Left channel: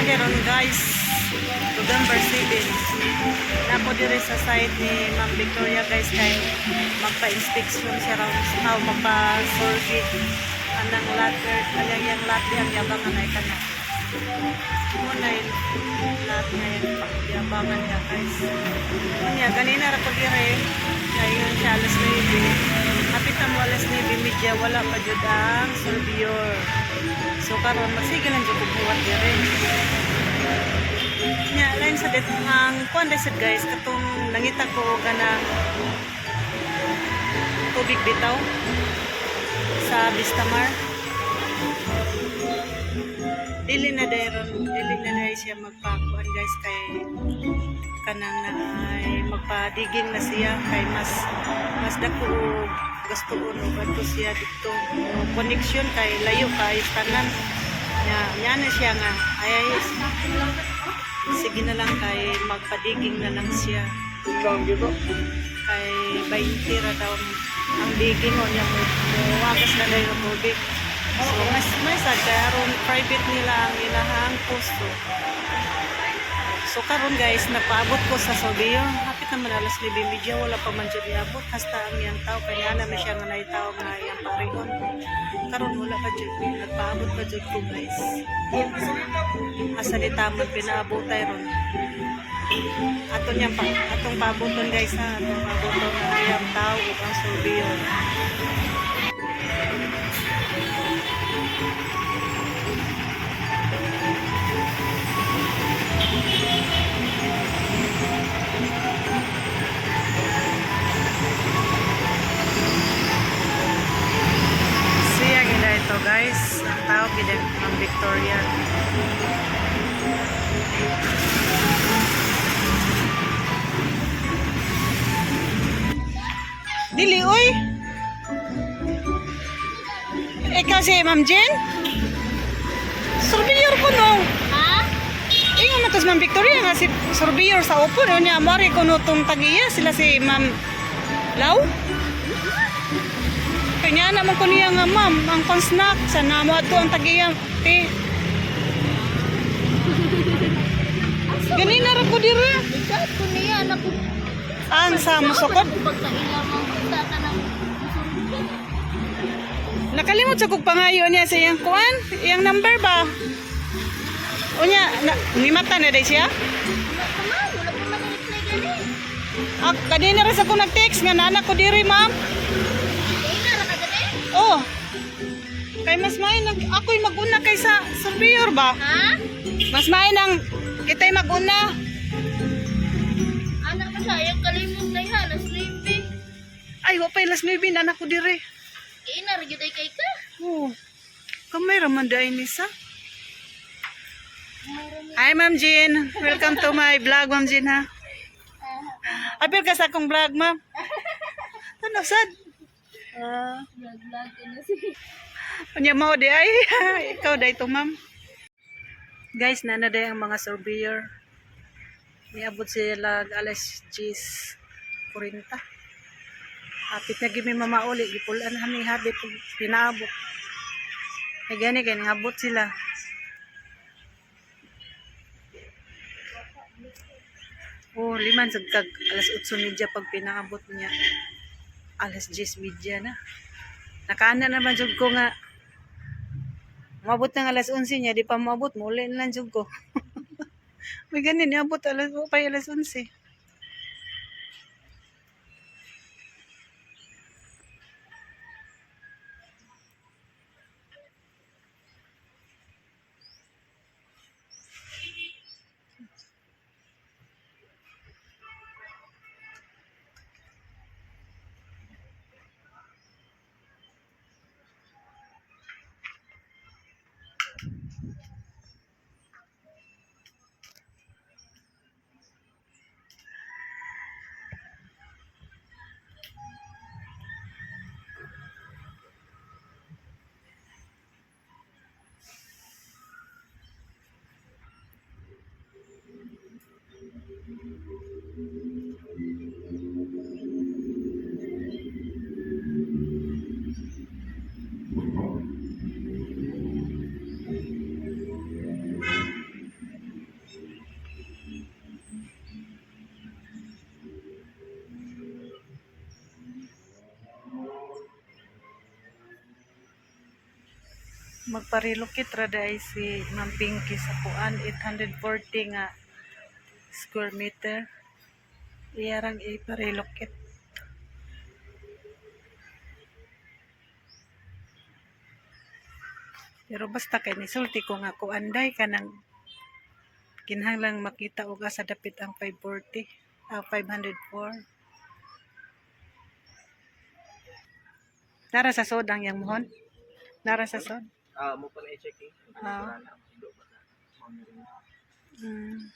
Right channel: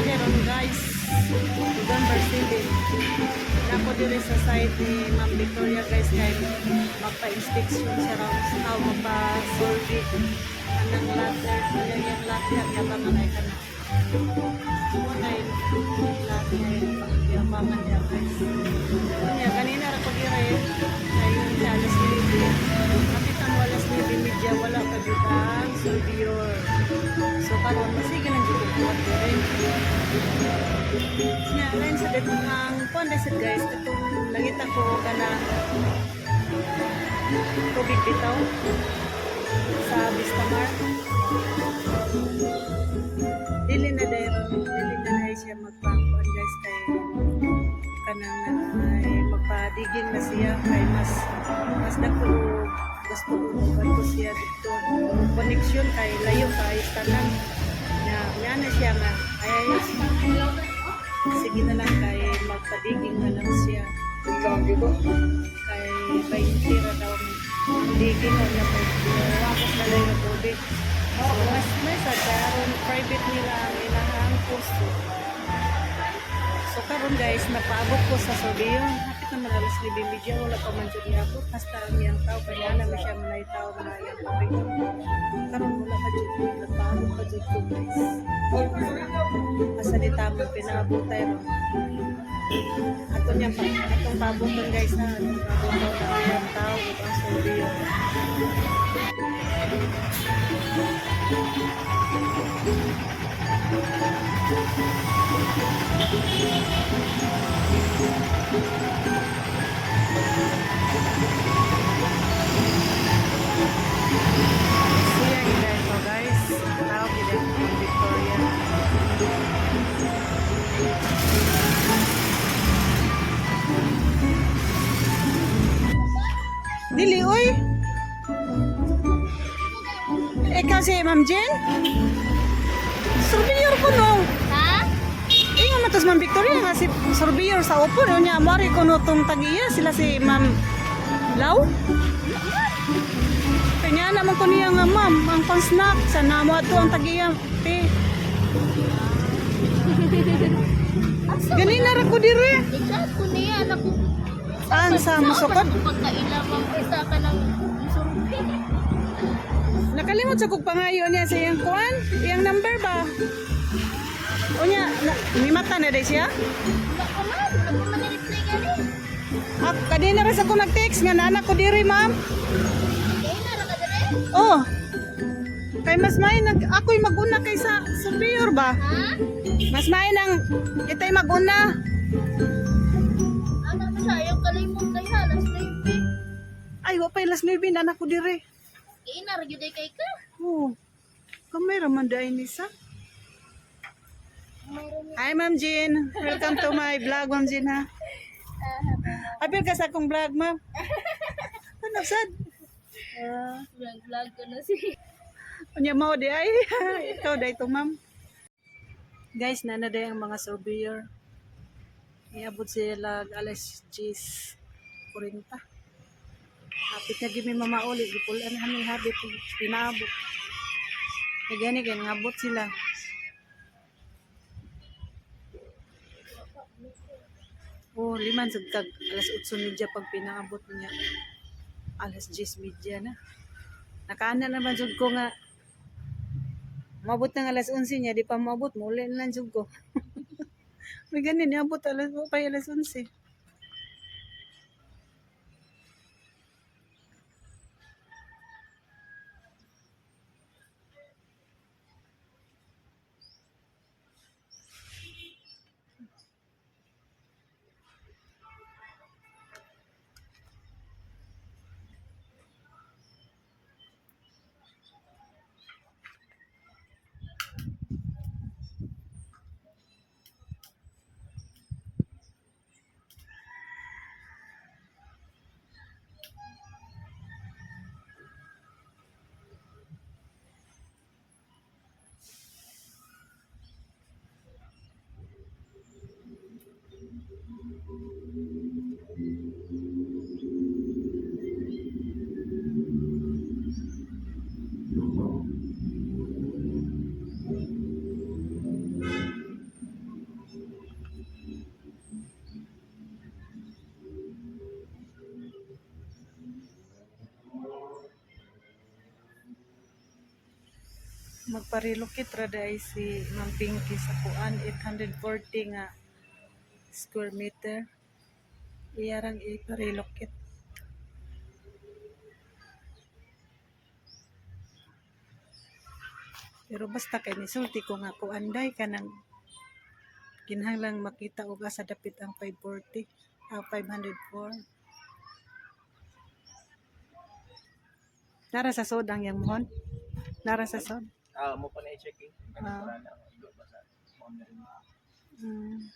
Pagkaroon guys, November 7. Napo dire sa site ni Ma'am Victoria guys kay magpa-inspection siya raw tao magpa-survey anang latter alang yang latte ang yabangan ay kana. Muna yung lahat nga yung yabangan niya guys. Muna ganina ra pag ire ngayon siya alas 9. Hapit ang alas 9 media wala pa jud ang surveyor. So karon masige lang jud buhat dire. Nya lain sa det ang kuan sad guys katong nangita ko kanang tubig bitaw sa Vistamar. Dili na dai siya magpakuan guys kay kanang na ay magpadiging na siya kay mas dako gusto uno adto siya dito connection kay layo kay tanan nya na siya nga ay sige na lang kay magpadiging na lang siya kay 20 ra daw ang diging o niya mo wagas na dahil ng tubig. So may sad kay aron private nila ang ilahang pusto. So karon guys napaabot ko sa Sorbillo hapit naman alas 9:30 wala pa man jud iabot hasta ang iyang tao kaya na siya nga naitaw nga iyang parion. Karon wala pa jud nagpaabot pa jud ko guys. Asa di tamon pinaabotay ron. Atong pabuton guys ha, atong pabuton ang iyang tao ug ang Sorbillo. Siya gila ito guys, ang tao gila ng Victoria. Dili, uy! Ikaw si Ma'am Jen? Surveyor ko no. Ha? Ingon matas Ma'am Victoria nga si surveyor sa upo niya mari ko no tong tagiya sila si Ma'am Lau. Kanya naman ko niya nga ma'am ang kon-snack sa namo ato ang tagiya te. Ganina ra ko dire. Ikaw ko niya anak ko. Ang sa musukod. Pagkailamang ko sa kanang survey. Nakalimot sa kog pangayo niya sa iyang kuan, iyang number ba? Unya, nimata na day siya? Wala pa man i-reply gani. Ah, kanina rin ako nag-text nga nanak ko diri, ma'am. Kaya na ra ka gani? Oh. Kay mas may ako'y maguna kaysa surveyor ba? Ha? Mas may nang kita'y maguna. Anak na siya yung kalimot na yan, ang sleepy. Ay, wapay las maybe nanak ko diri. Kaya na ra gyud ay kay ka. Oh. Kamay raman dai ni sa. Mayroon Hi, Ma'am Jean. Welcome to my vlog, Ma'am Jean, ha? Apil ka sa akong vlog, ma'am. Ano, sad? vlog ko na si. Panya mo di ay. Ikaw day to, ma'am. Guys, nanaday ang mga surveyor. Niabot sila alas 10:40. Apit na gimi mamauli. Gipulan kami habit. Pinaabot. Ay gani kaya ngabot sila. Oh, liman sagkag alas 8:30 pag pinaabot niya. Alas 10:30 na. Nakaana naman jud ko nga mabot ng alas 11 niya, di pa mabot, muli na lang jud ko. May ganin, abot alas 11. magpa-relocate ra dai si Ma'am Pinky sa kuan 840 nga square meter. Iyarang ipa-relocate. Pero basta kay nisulti ko nga kuanday ka nang kinahanglang makita og asa dapit ang 540, 504. Nara sa sod ang yang mohon. Nara sa sod. Mo pa na i-checking. Ah. Wala na, ido pa sa mami rin. Mm.